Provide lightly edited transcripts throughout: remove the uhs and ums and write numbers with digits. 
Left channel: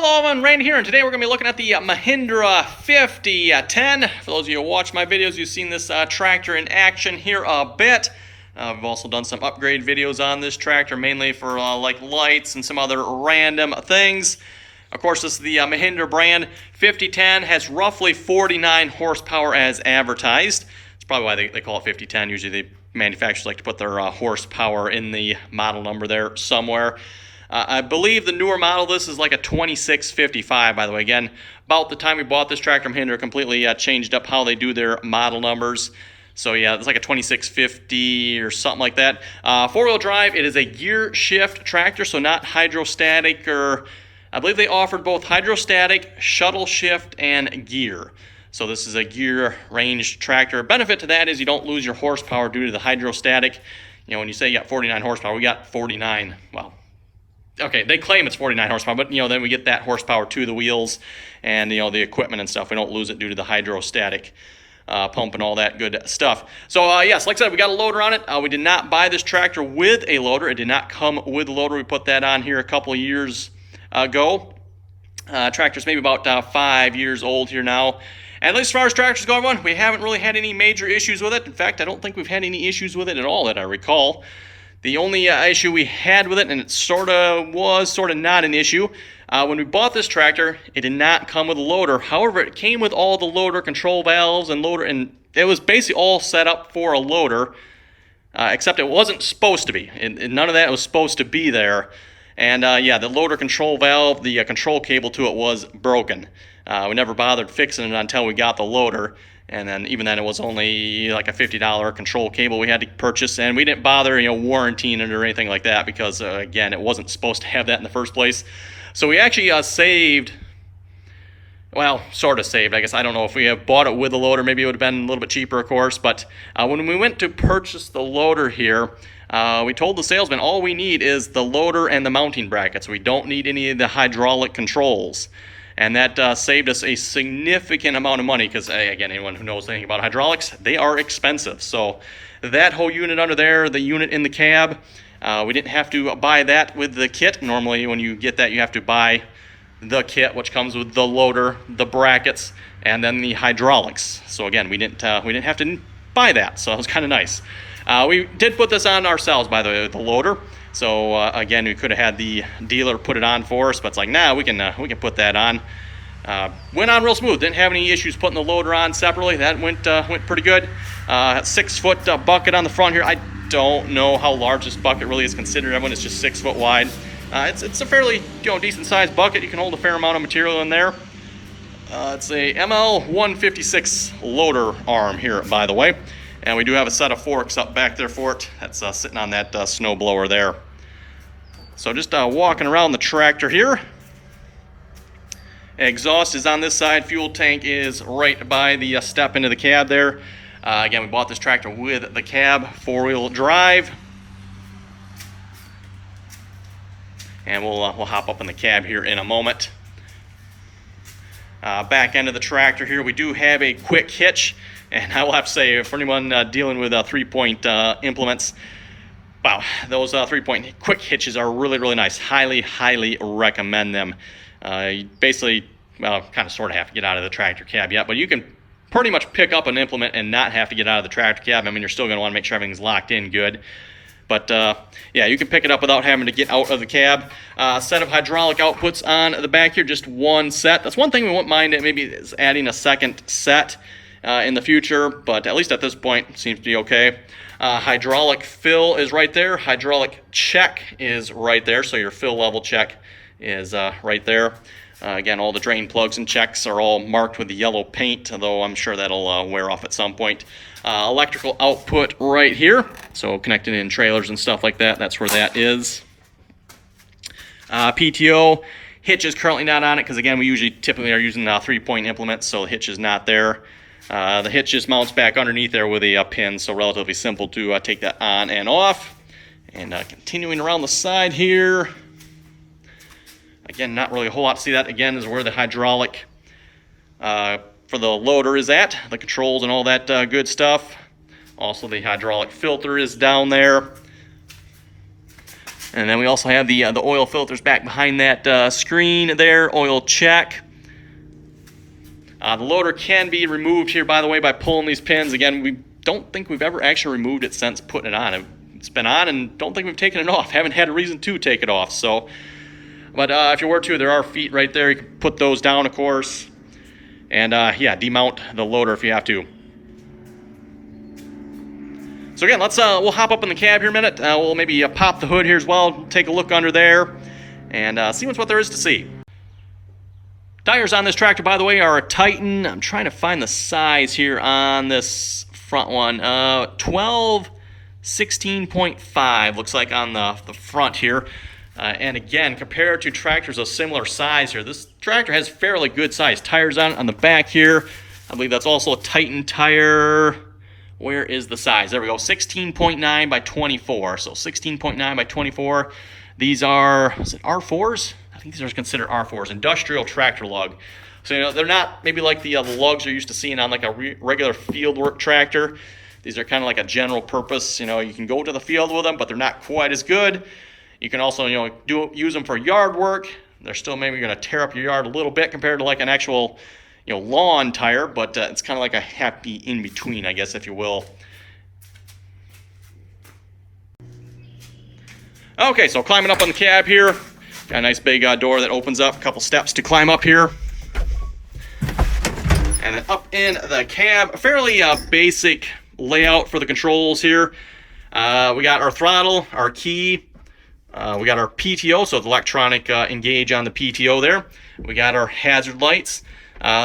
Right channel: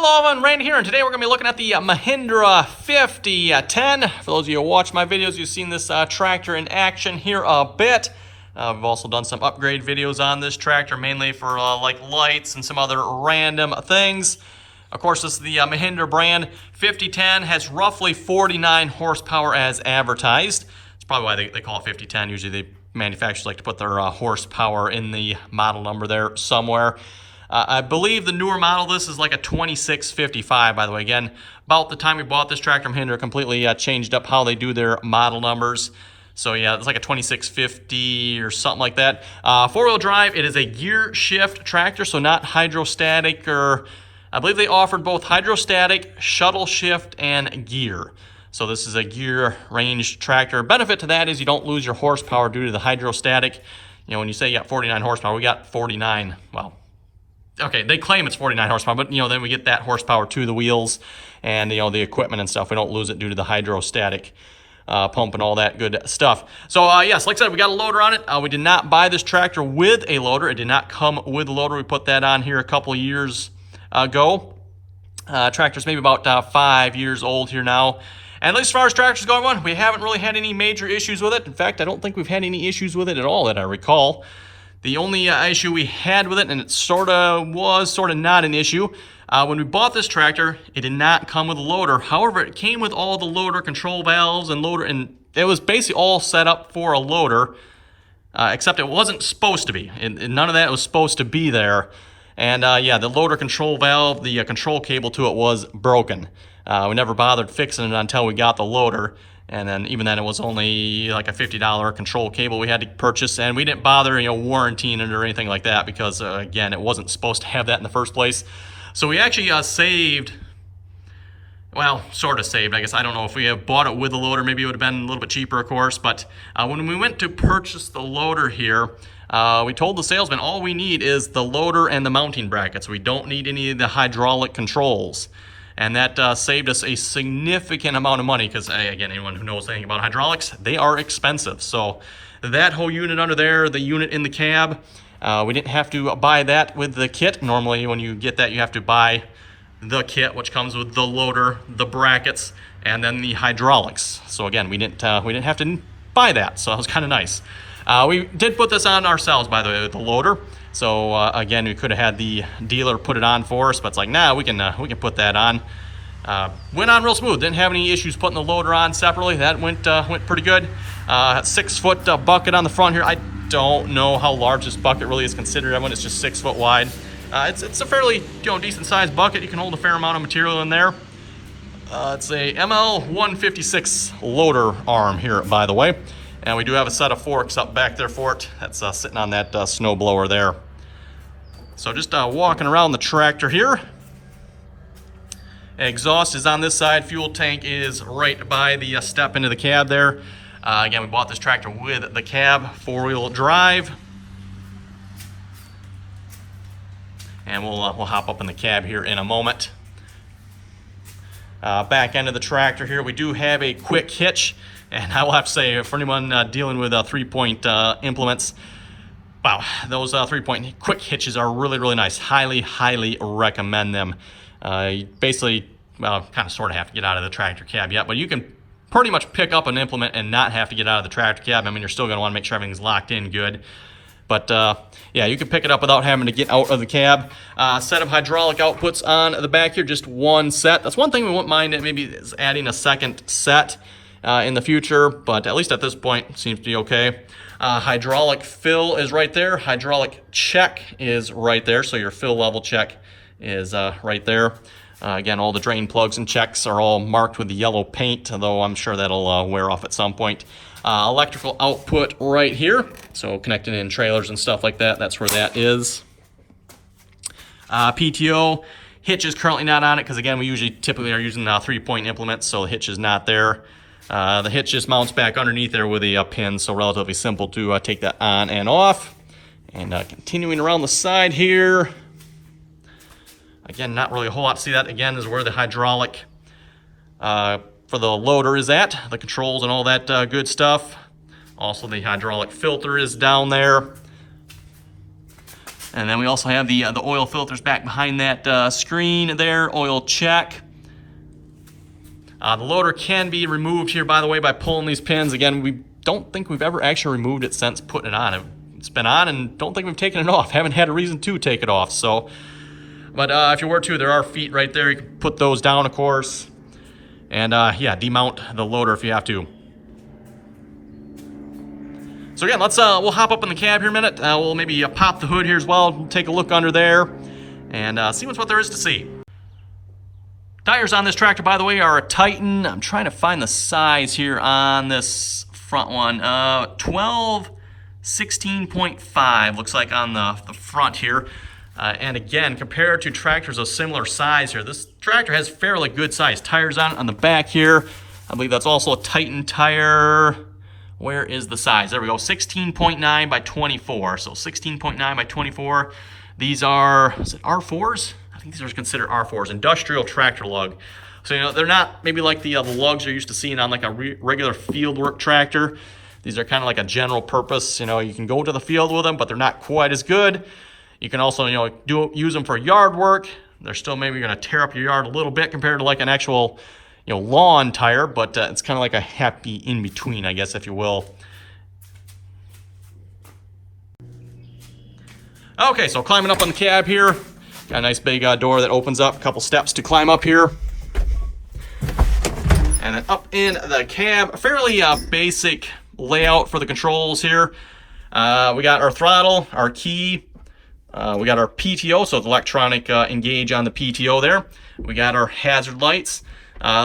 Hello, I'm Randy here, and today we're going to be looking at the Mahindra 5010. For those of you who watch my videos, you've seen this tractor in action here a bit. We've also done some upgrade videos on this tractor, mainly for like lights and some other random things. Of course, this is the Mahindra brand. 5010 has roughly 49 horsepower as advertised. That's probably why they call it 5010. Usually the manufacturers like to put their horsepower in the model number there somewhere. I believe the newer model, this is like a 2655, by the way. Again, about the time we bought this tractor, Mahindra completely changed up how they do their model numbers. So yeah, it's like a 2650 or something like that. Four-wheel drive, it is a gear shift tractor, so not hydrostatic, or I believe they offered both hydrostatic, shuttle shift, and gear. So this is a gear range tractor. Benefit to that is you don't lose your horsepower due to the hydrostatic. You know, when you say you got 49 horsepower, we got 49, well, okay, they claim it's 49 horsepower, but then we get that horsepower to the wheels and the equipment and stuff. We don't lose it due to the hydrostatic pump and all that good stuff. So yes, like I said, we got a loader on it. We did not buy this tractor with a loader. It did not come with a loader. We put that on here a couple of years ago. Tractor's maybe about 5 years old here now. And at least as far as tractors go, we haven't really had any major issues with it. In fact, I don't think we've had any issues with it at all that I recall. The only issue we had with it, and it sort of not an issue, when we bought this tractor, it did not come with a loader. However, it came with all the loader control valves and it was basically all set up for a loader, except it wasn't supposed to be. And none of that was supposed to be there. And yeah, the loader control valve, the control cable to it was broken. We never bothered fixing it until we got the loader. And then even then, it was only like a $50 control cable we had to purchase, and we didn't bother, warrantying it or anything like that because, again, it wasn't supposed to have that in the first place. So we actually saved, well, sort of saved, I guess. I don't know if we had bought it with a loader, maybe it would have been a little bit cheaper, of course. But when we went to purchase the loader here, we told the salesman all we need is the loader and the mounting brackets. We don't need any of the hydraulic controls. And that saved us a significant amount of money because, again, anyone who knows anything about hydraulics, they are expensive. So that whole unit under there, the unit in the cab, we didn't have to buy that with the kit. Normally, when you get that, you have to buy the kit, which comes with the loader, the brackets, and then the hydraulics. So again, we didn't have to buy that. So it was kind of nice. We did put this on ourselves, by the way, the loader. So again, we could have had the dealer put it on for us, but it's like, nah, we can put that on. Went on real smooth. Didn't have any issues putting the loader on separately. That went pretty good. 6-foot bucket on the front here. I don't know how large this bucket really is considered when it's just 6 foot wide. It's a fairly decent sized bucket. You can hold a fair amount of material in there. It's a ML156 loader arm here, by the way. And we do have a set of forks up back there for it. That's sitting on that snow blower there. So just walking around the tractor here. Exhaust is on this side. Fuel tank is right by the step into the cab there. Again, we bought this tractor with the cab, 4-wheel drive. And we'll hop up in the cab here in a moment. Back end of the tractor here, we do have a quick hitch. And I will have to say, for anyone dealing with 3-point implements, wow, those 3-point quick hitches are really, really nice. Highly, highly recommend them. You basically, well, kind of sort of have to get out of the tractor cab yet, but you can pretty much pick up an implement and not have to get out of the tractor cab. I mean, you're still going to want to make sure everything's locked in good. But yeah, you can pick it up without having to get out of the cab. Set of hydraulic outputs on the back here, just one set. That's one thing we wouldn't mind, maybe is adding a second set in the future, but at least at this point, it seems to be okay. Hydraulic fill is right there. Hydraulic check is right there, so your fill level check is right there. Again, all the drain plugs and checks are all marked with the yellow paint, although I'm sure that'll wear off at some point. Electrical output right here, so connecting in trailers and stuff like that, that's where that is. PTO, hitch is currently not on it because, again, we typically are using 3-point implements, so the hitch is not there. The hitch just mounts back underneath there with a pin, so relatively simple to take that on and off. And continuing around the side here, again, not really a whole lot to see. That again is where the hydraulic for the loader is at, the controls and all that good stuff. Also, the hydraulic filter is down there. And then we also have the oil filters back behind that screen there, oil check. The loader can be removed here, by the way, by pulling these pins. Again, we don't think we've ever actually removed it since putting it on. It's been on and don't think we've taken it off. Haven't had a reason to take it off. So, but if you were to, there are feet right there. You can put those down, of course. And yeah, demount the loader if you have to. So again, we'll hop up in the cab here a minute. We'll maybe pop the hood here as well, take a look under there, and see what there is to see. Tires on this tractor, by the way, are a Titan. I'm trying to find the size here on this front one. 12, 16.5 looks like on the front here. And again, compared to tractors of similar size here, this tractor has fairly good size tires on the back here. I believe that's also a Titan tire. Where is the size? There we go, 16.9 by 24. So 16.9 by 24. These are, is it R4s? I think these are considered R4s, industrial tractor lug. So, you know, they're not maybe like the lugs you're used to seeing on like a regular fieldwork tractor. These are kind of like a general purpose. You know, you can go to the field with them, but they're not quite as good. You can also, you know, use them for yard work. They're still maybe going to tear up your yard a little bit compared to like an actual, you know, lawn tire, but it's kind of like a happy in between, I guess, if you will. Okay, so climbing up on the cab here, got a nice big door that opens up, a couple steps to climb up here, and then up in the cab, a fairly basic layout for the controls here. We got our throttle, our key, we got our PTO, so it's electronic engage on the PTO there. We got our hazard lights.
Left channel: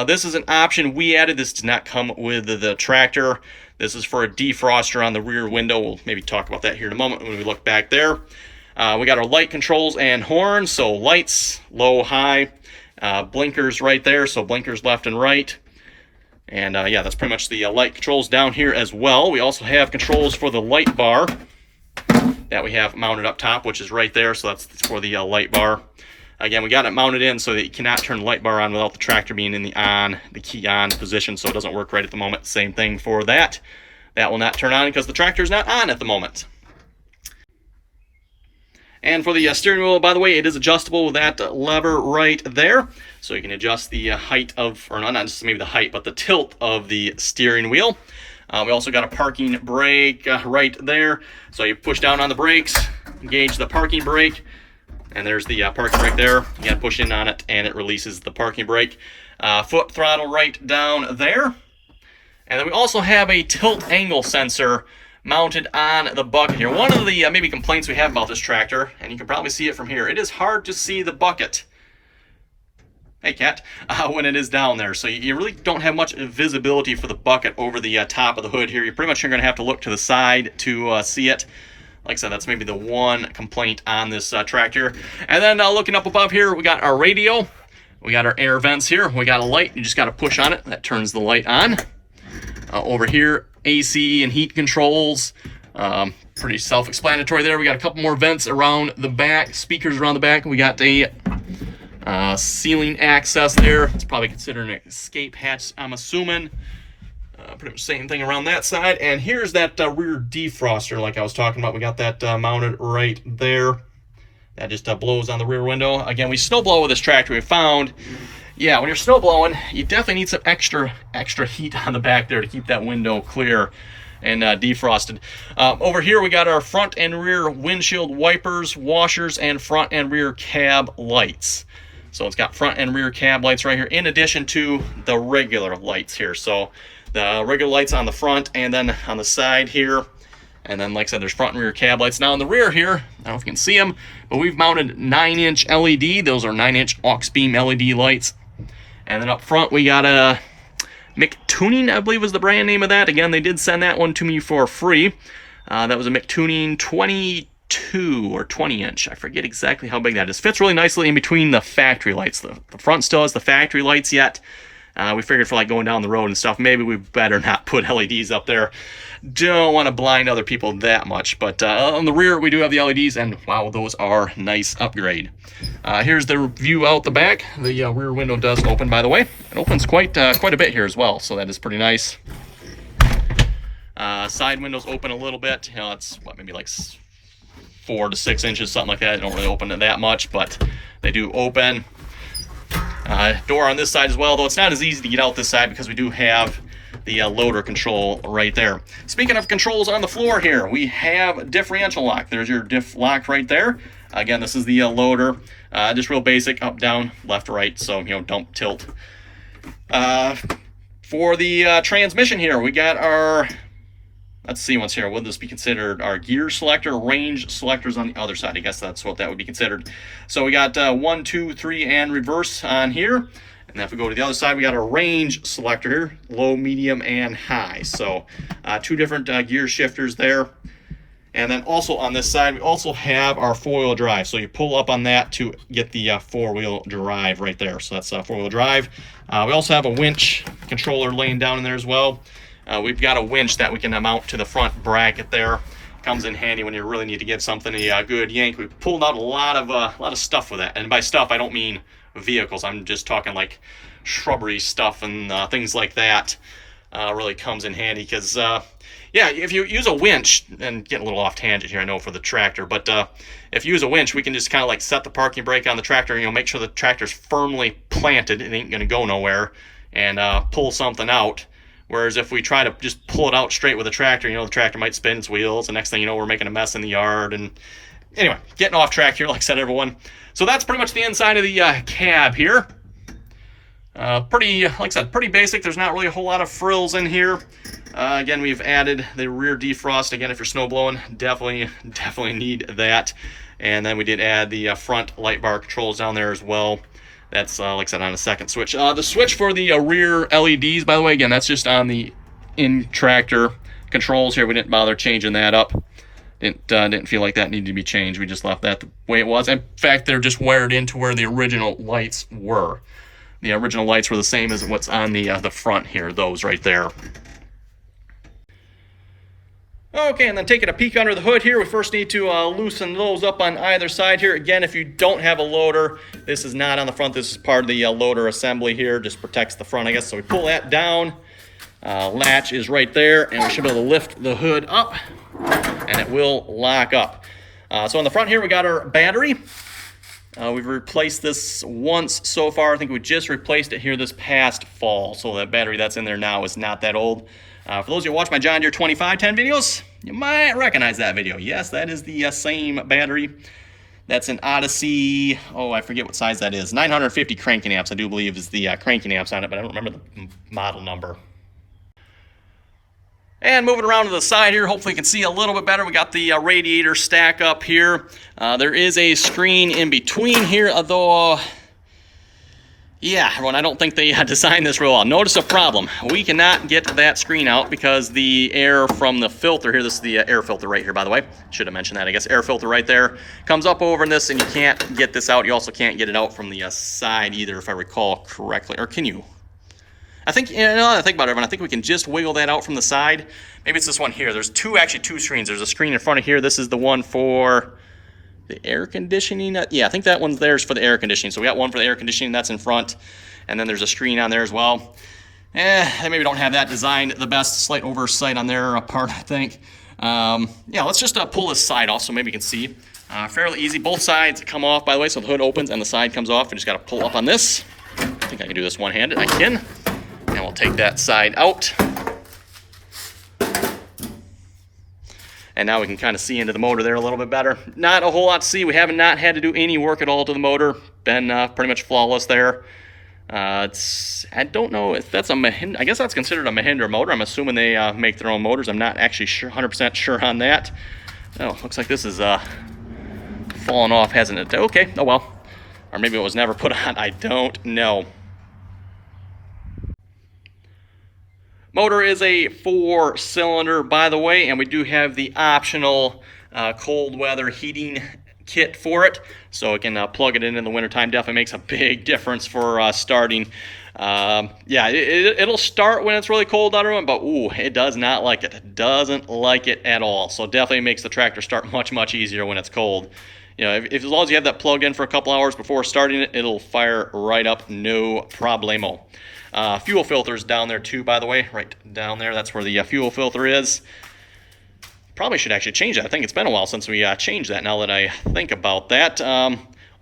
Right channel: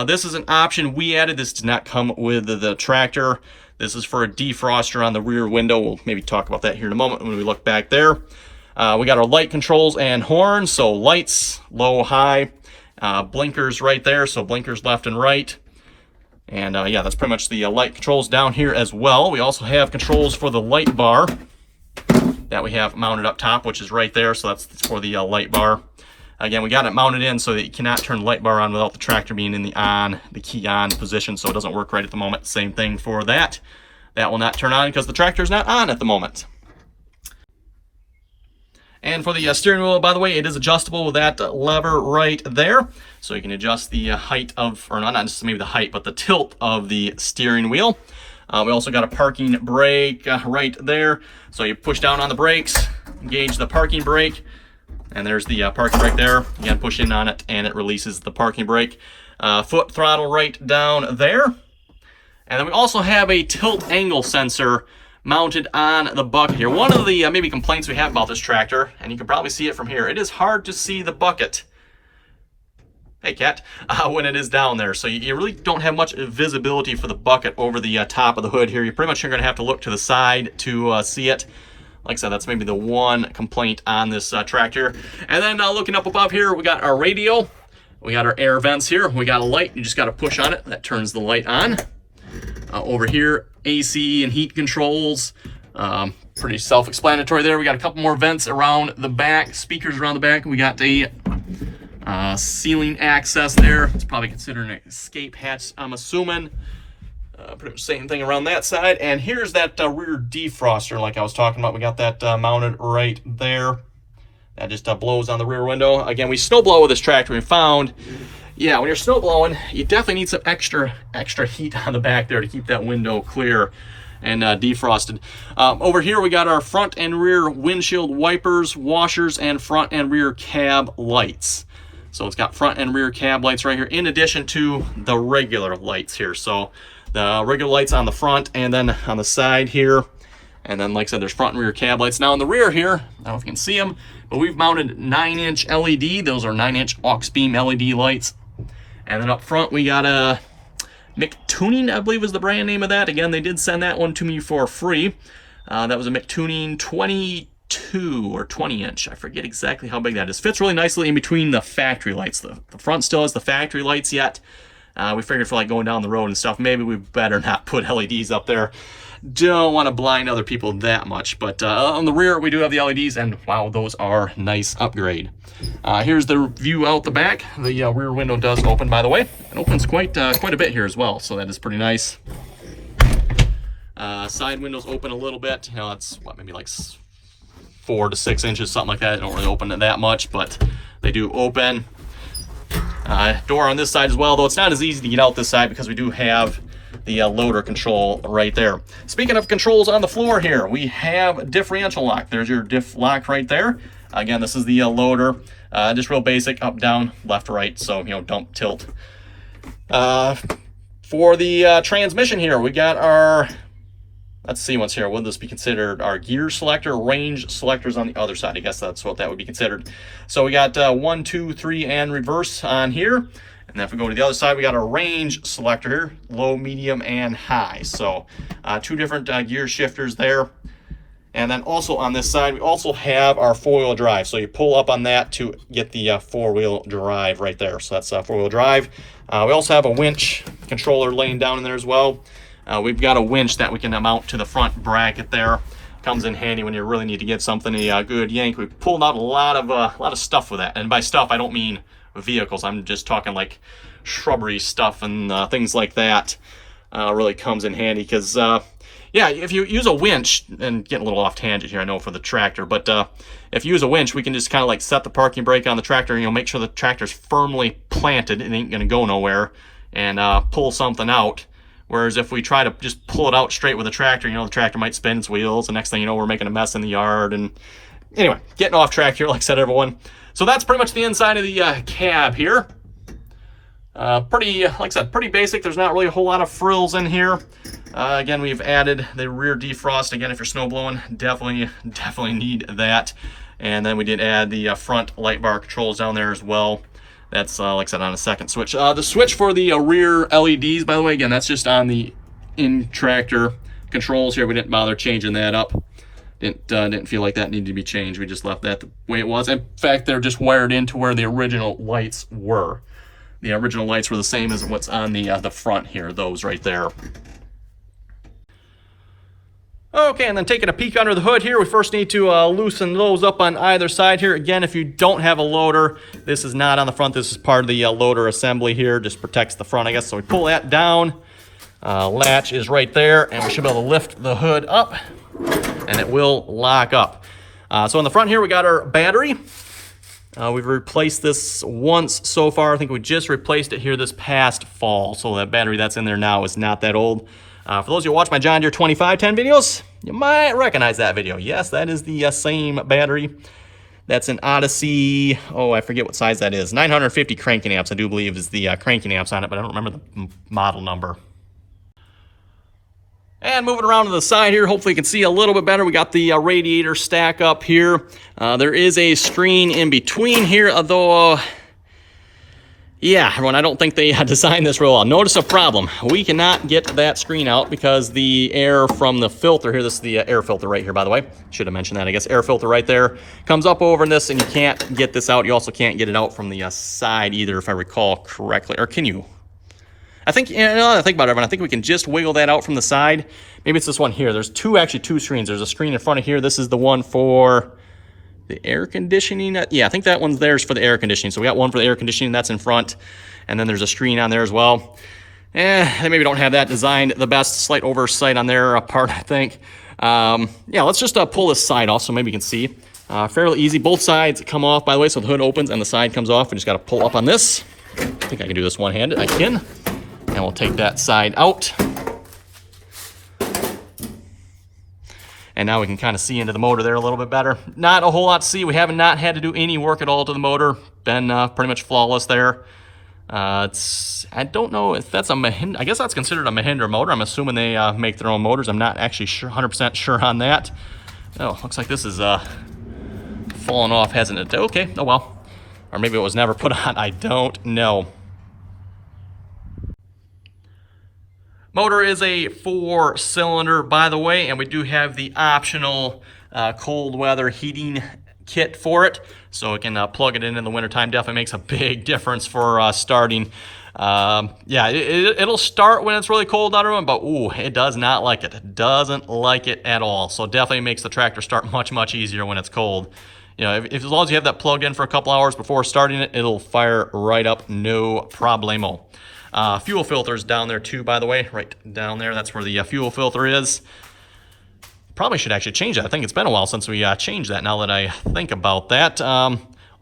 This is an option we added. This did not come with the tractor. This is for a defroster on the rear window. We'll maybe talk about that here in a moment when we look back there. We got our light controls and horns. So lights, low, high, blinkers right there. So blinkers left and right. And yeah, that's pretty much the light controls down here as well. We also have controls for the light bar that we have mounted up top, which is right there. So that's for the light bar. Again, we got it mounted in so that you cannot turn the light bar on without the tractor being in the key on position, so it doesn't work right at the moment. Same thing for that. That will not turn on because the tractor is not on at the moment. And for the steering wheel, by the way, it is adjustable with that lever right there. So you can adjust the height of, or not just maybe the height, but the tilt of the steering wheel. We also got a parking brake right there. So you push down on the brakes, engage the parking brake, and there's the parking brake there. You gotta push in on it and it releases the parking brake. Foot throttle right down there. And then we also have a tilt angle sensor mounted on the bucket here. One of the maybe complaints we have about this tractor, and you can probably see it from here, it is hard to see the bucket. Hey cat, when it is down there. So you really don't have much visibility for the bucket over the top of the hood here. You're pretty much gonna have to look to the side to see it. Like I said, that's maybe the one complaint on this tractor. And then looking up above here, we got our radio. We got our air vents here. We got a light. You just got to push on it. That turns the light on. Over here, AC and heat controls. Pretty self-explanatory there. We got a couple more vents around the back, speakers around the back. We got a ceiling access there. It's probably considered an escape hatch, I'm assuming. Pretty much same thing around that side. And here's that rear defroster like I was talking about. We got that mounted right there. That just blows on the rear window. Again, we snow blow with this tractor. We found, yeah, when you're snow blowing, you definitely need some extra heat on the back there to keep that window clear and defrosted. Over here, we got our front and rear windshield wipers, washers, and front and rear cab lights. So it's got front and rear cab lights right here, in addition to the regular lights here. So the regular lights on the front and then on the side here. And then, like I said, there's front and rear cab lights. Now in the rear here, I don't know if you can see them, but we've mounted 9-inch LED. Those are 9-inch aux beam LED lights. And then up front, we got a McTuning, I believe was the brand name of that. Again, they did send that one to me for free. That was a McTuning 22 or 20-inch. I forget exactly how big that is. Fits really nicely in between the factory lights. The front still has the factory lights yet. We figured for like going down the road and stuff, maybe we better not put LEDs up there. Don't want to blind other people that much. But on the rear, we do have the LEDs, and wow, those are nice upgrade. Here's the view out the back. The rear window does open, by the way. It opens quite a bit here as well, so that is pretty nice. Side windows open a little bit. You know, it's what, maybe like 4 to 6 inches, something like that. They don't really open it that much, but they do open. Door on this side as well, though it's not as easy to get out this side because we do have the loader control right there. Speaking of controls on the floor here, we have differential lock. There's your diff lock right there. Again, this is the loader. Just real basic, up, down, left, right, so, you know, don't tilt. For the transmission here, we got our, let's see what's here. Would this be considered our gear selector? Range selectors on the other side. I guess that's what that would be considered. So we got 1, 2, 3, and reverse on here. And then if we go to the other side, we got a range selector here, low, medium, and high. So 2 different gear shifters there. And then also on this side, we also have our 4-wheel drive. So you pull up on that to get the 4-wheel drive right there. So that's 4-wheel drive. We also have a winch controller laying down in there as well. We've got a winch that we can mount to the front bracket there. Comes in handy when you really need to give something a good yank. We've pulled out a lot of stuff with that. And by stuff, I don't mean vehicles. I'm just talking like shrubbery stuff and things like that. Really comes in handy because yeah, if you use a winch, and get a little off tangent here, I know, for the tractor, but if you use a winch, we can just kind of like set the parking brake on the tractor, you know, make sure the tractor's firmly planted, it ain't gonna go nowhere, and pull something out. Whereas if we try to just pull it out straight with a tractor, you know, the tractor might spin its wheels, the next thing you know, we're making a mess in the yard. And anyway, getting off track here, like I said, everyone. So that's pretty much the inside of the cab here. Pretty, like I said, pretty basic. There's not really a whole lot of frills in here. Again, we've added the rear defrost. Again, if you're snow blowing, definitely need that. And then we did add the front light bar controls down there as well. That's, like I said, on the second switch. The switch for the rear LEDs, by the way, again, that's just on the in-tractor controls here. We didn't bother changing that up. Didn't feel like that needed to be changed. We just left that the way it was. In fact, they're just wired into where the original lights were. The original lights were the same as what's on the front here, those right there. Okay, and then taking a peek under the hood here, we first need to loosen those up on either side here. Again, if you don't have a loader, this is not on the front. This is part of the loader assembly here. Just protects the front, I guess. So we pull that down. Latch is right there, and we should be able to lift the hood up, and it will lock up. So in the front here, we got our battery. We've replaced this once so far. I think we just replaced it here this past fall. So that battery that's in there now is not that old. For those of you who watch my John Deere 2510 videos, you might recognize that video. Yes, that is the same battery. That's an Odyssey, oh, I forget what size that is. 950 cranking amps, I do believe, is the cranking amps on it, but I don't remember the model number. And moving around to the side here, hopefully you can see a little bit better. We got the radiator stack up here. There is a screen in between here, although, yeah, everyone, I don't think they designed this real well. Notice a problem. We cannot get that screen out because the air from the filter here, this is the air filter right here, by the way. Should have mentioned that, I guess. Air filter right there. Comes up over in this, and you can't get this out. You also can't get it out from the side either, if I recall correctly. Or can you? I think, you know, I think about it, everyone. I think we can just wiggle that out from the side. Maybe it's this one here. There's actually two screens. There's a screen in front of here. This is the one for the air conditioning. Yeah, I think that one's there for the air conditioning. So we got one for the air conditioning, that's in front. And then there's a screen on there as well. They maybe don't have that designed the best. Slight oversight on their part, I think. Yeah, let's just pull this side off so maybe you can see. Fairly easy. Both sides come off, by the way, so the hood opens and the side comes off. We just got to pull up on this. I think I can do this one-handed. I can. And we'll take that side out. And now we can kind of see into the motor there a little bit better. Not a whole lot to see. We have not had to do any work at all to the motor. Been pretty much flawless there. I don't know if that's a Mahindra. I guess that's considered a Mahindra motor. I'm assuming they make their own motors. I'm not actually 100% sure on that. Oh, looks like this is falling off, hasn't it? Okay, oh well. Or maybe it was never put on. I don't know. Motor is a 4-cylinder, by the way, and we do have the optional cold weather heating kit for it. So we can plug it in the wintertime. Definitely makes a big difference for starting. Yeah, it'll start when it's really cold out, everyone, but ooh, it does not like it. It doesn't like it at all. So definitely makes the tractor start much easier when it's cold. You know, if as long as you have that plugged in for a couple hours before starting it, it'll fire right up, no problemo. Fuel filters down there too, by the way, right down there. That's where the fuel filter is. Probably should actually change that. I think it's been a while since we changed that, now that I think about that.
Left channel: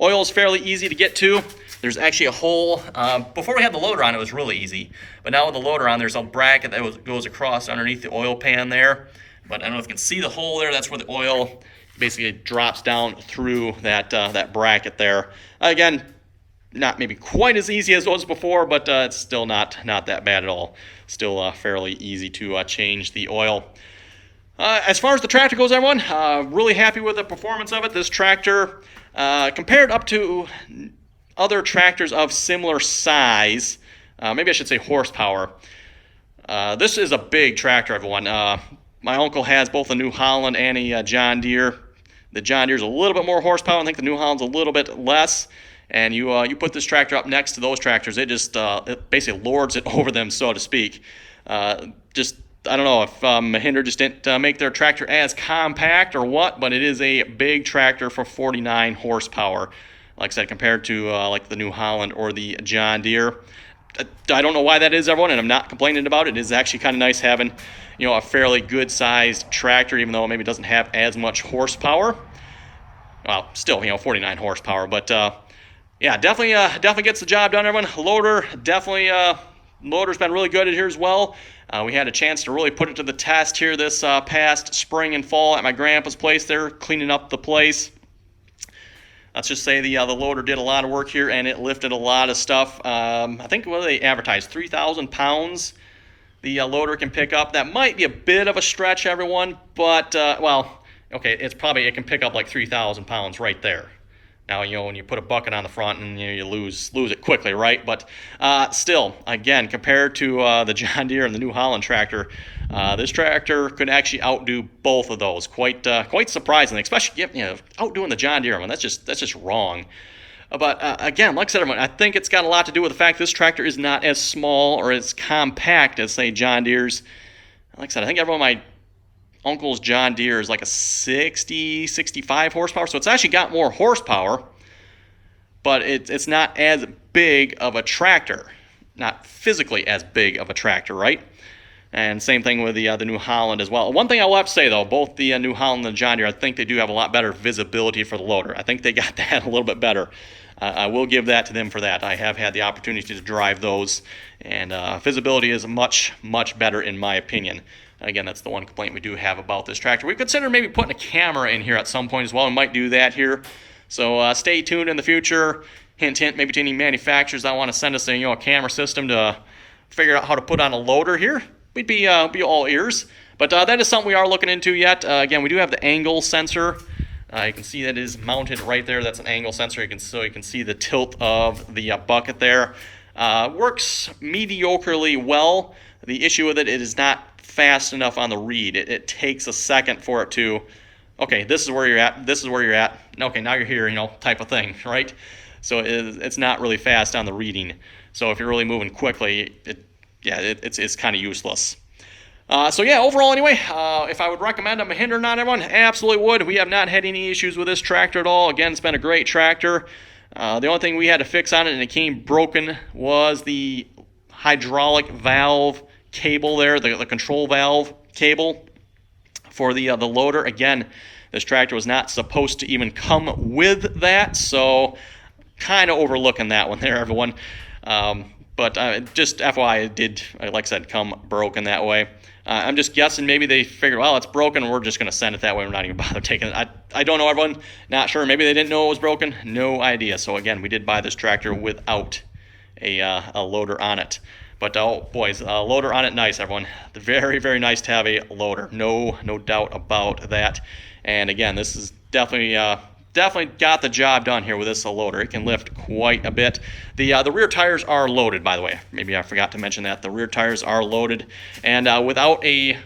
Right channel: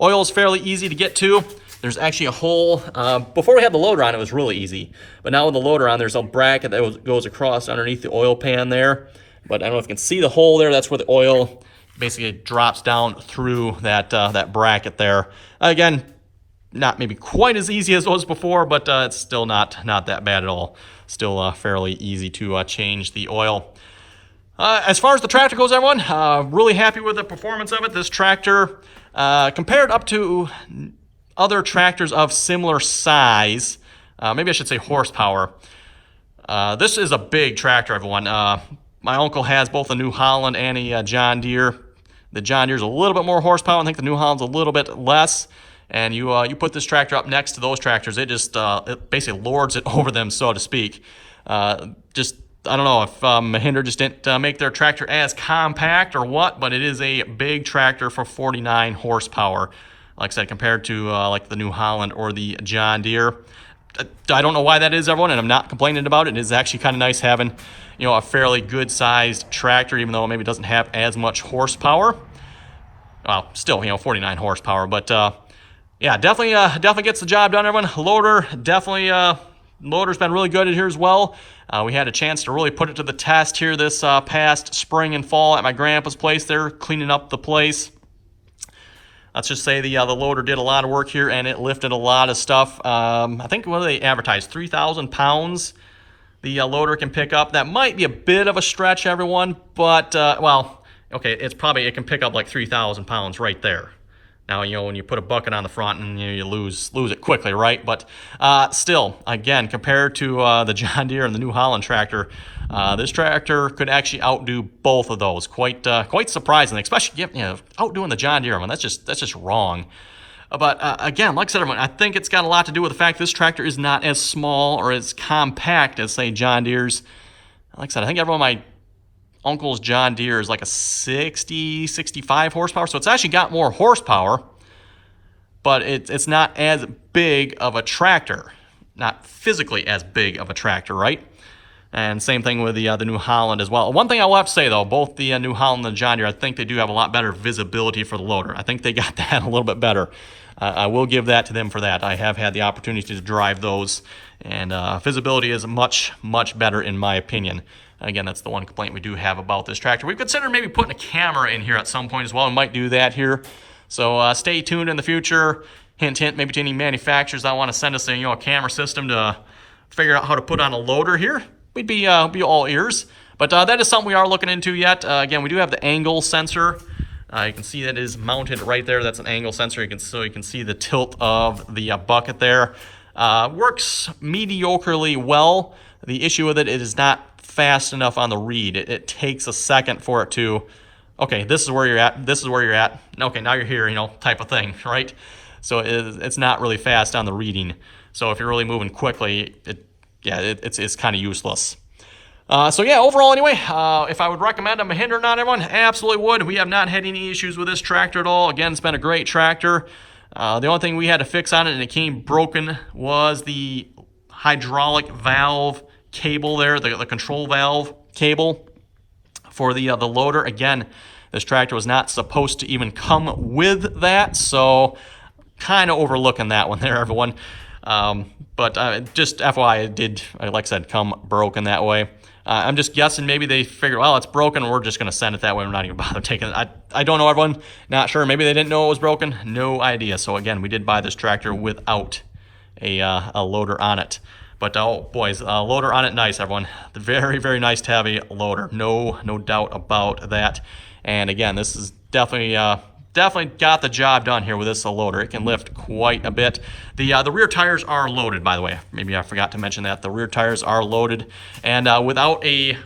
Oil is fairly easy to get to. There's actually a hole. Before we had the loader on, it was really easy. But now with the loader on, there's a bracket that goes across underneath the oil pan there. But I don't know if you can see the hole there. That's where the oil basically drops down through that bracket there. Again, not maybe quite as easy as it was before, but it's still not that bad at all. Still fairly easy to change the oil. As far as the tractor goes, everyone, really happy with the performance of it. This tractor, compared up to other tractors of similar size, maybe I should say horsepower, this is a big tractor, everyone. My uncle has both a New Holland and a John Deere. The John Deere's a little bit more horsepower. I think the New Holland's a little bit less. And you put this tractor up next to those tractors, it just it basically lords it over them, so to speak. I don't know if Mahindra just didn't make their tractor as compact or what, but it is a big tractor for 49 horsepower. Like I said, compared to like the New Holland or the John Deere. I don't know why that is, everyone, and I'm not complaining about it. It is actually kind of nice having, a fairly good-sized tractor, even though it maybe doesn't have as much horsepower. Well, still, 49 horsepower, but yeah, definitely gets the job done, everyone. Loader's been really good in here as well. We had a chance to really put it to the test here this past spring and fall at my grandpa's place there, cleaning up the place. Let's just say the loader did a lot of work here, and it lifted a lot of stuff. I think what they advertised, 3,000 pounds the loader can pick up. That might be a bit of a stretch, everyone, but, well, okay, it can pick up like 3,000 pounds right there. Now, when you put a bucket on the front, and you lose it quickly, right? But still, again, compared to the John Deere and the New Holland tractor, this tractor could actually outdo both of those. Quite surprisingly, especially outdoing the John Deere one. That's just wrong. But again, like I said, everyone, I think it's got a lot to do with the fact this tractor is not as small or as compact as, say, John Deere's. Like I said, I think everyone my uncle's John Deere is like a 65 horsepower, so it's actually got more horsepower, but it's not as big of a tractor, not physically as big of a tractor, right? And same thing with the New Holland as well. One thing I will have to say, though, both the New Holland and the John Deere, I think they do have a lot better visibility for the loader. I think they got that a little bit better. I will give that to them for that. I have had the opportunity to drive those, and visibility is much better in my opinion. Again, that's the one complaint we do have about this tractor. We've considered maybe putting a camera in here at some point as well. We might do that here. So stay tuned in the future. Hint, hint, maybe to any manufacturers that want to send us a camera system to figure out how to put on a loader here. We'd be all ears. But that is something we are looking into yet. Again, we do have the angle sensor. You can see that is mounted right there. That's an angle sensor. You can see the tilt of the bucket there. Works mediocrely well. The issue with it is not fast enough on the read. It takes a second for it to, okay, this is where you're at, this is where you're at, okay, now you're here, type of thing, right? So it's not really fast on the reading. So if you're really moving quickly, it's kind of useless. So yeah, overall anyway, if I would recommend a Mahindra, not everyone, absolutely would. We have not had any issues with this tractor at all. Again, it's been a great tractor. The only thing we had to fix on it, and it came broken, was the hydraulic valve cable there, the control valve cable for the loader. Again, this tractor was not supposed to even come with that, so kind of overlooking that one there, everyone. But just FYI, it did, like I said, come broken that way. I'm just guessing maybe they figured, well, it's broken, we're just going to send it that way. We're not even bother taking it. I don't know, everyone. Not sure. Maybe they didn't know it was broken. No idea. So again, we did buy this tractor without a loader on it. But oh boys, loader on it, nice, everyone. Very nice to have a loader. No doubt about that. And again, this is definitely got the job done here with this loader. It can lift quite a bit. The rear tires are loaded, by the way. Maybe I forgot to mention that. The rear tires are loaded, and without a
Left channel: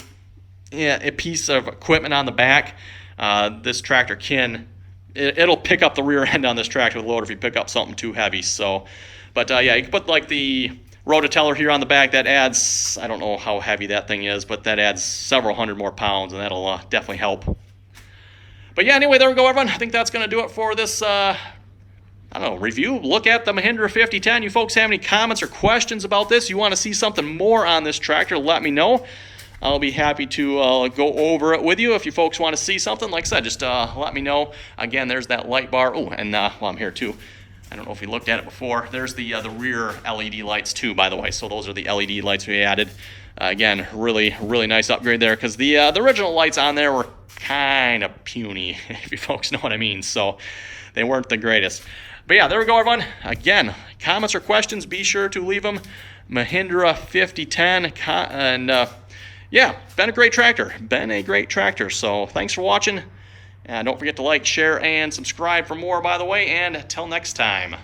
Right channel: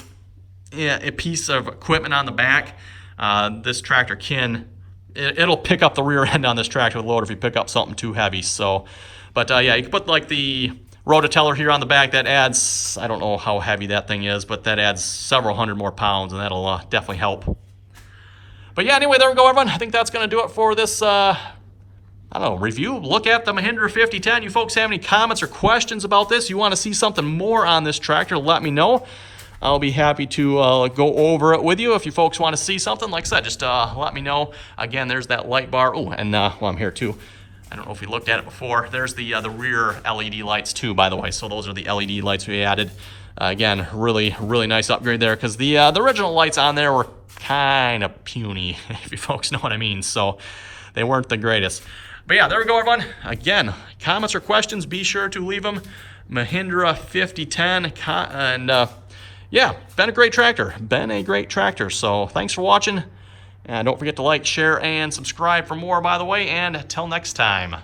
piece of equipment on the back, this tractor it'll pick up the rear end on this tractor with the loader if you pick up something too heavy. So, but yeah, you can put like the rototiller here on the back. That adds, I don't know how heavy that thing is, but that adds several hundred more pounds, and that'll definitely help. But yeah, anyway, there we go, everyone. I think that's going to do it for this, review. Look at the Mahindra 5010. You folks have any comments or questions about this? You want to see something more on this tractor, let me know. I'll be happy to go over it with you if you folks want to see something. Like I said, just let me know. Again, there's that light bar. Oh, and well, I'm here too. I don't know if we looked at it before. There's the rear LED lights too, by the way. So those are the LED lights we added. Again, really nice upgrade there, because the original lights on there were kind of puny, if you folks know what I mean. So they weren't the greatest. But yeah, there we go, everyone. Again, comments or questions, be sure to leave them. Mahindra 5010, and yeah, been a great tractor. So thanks for watching. Don't forget to like, share, and subscribe for more, by the way. And until next time.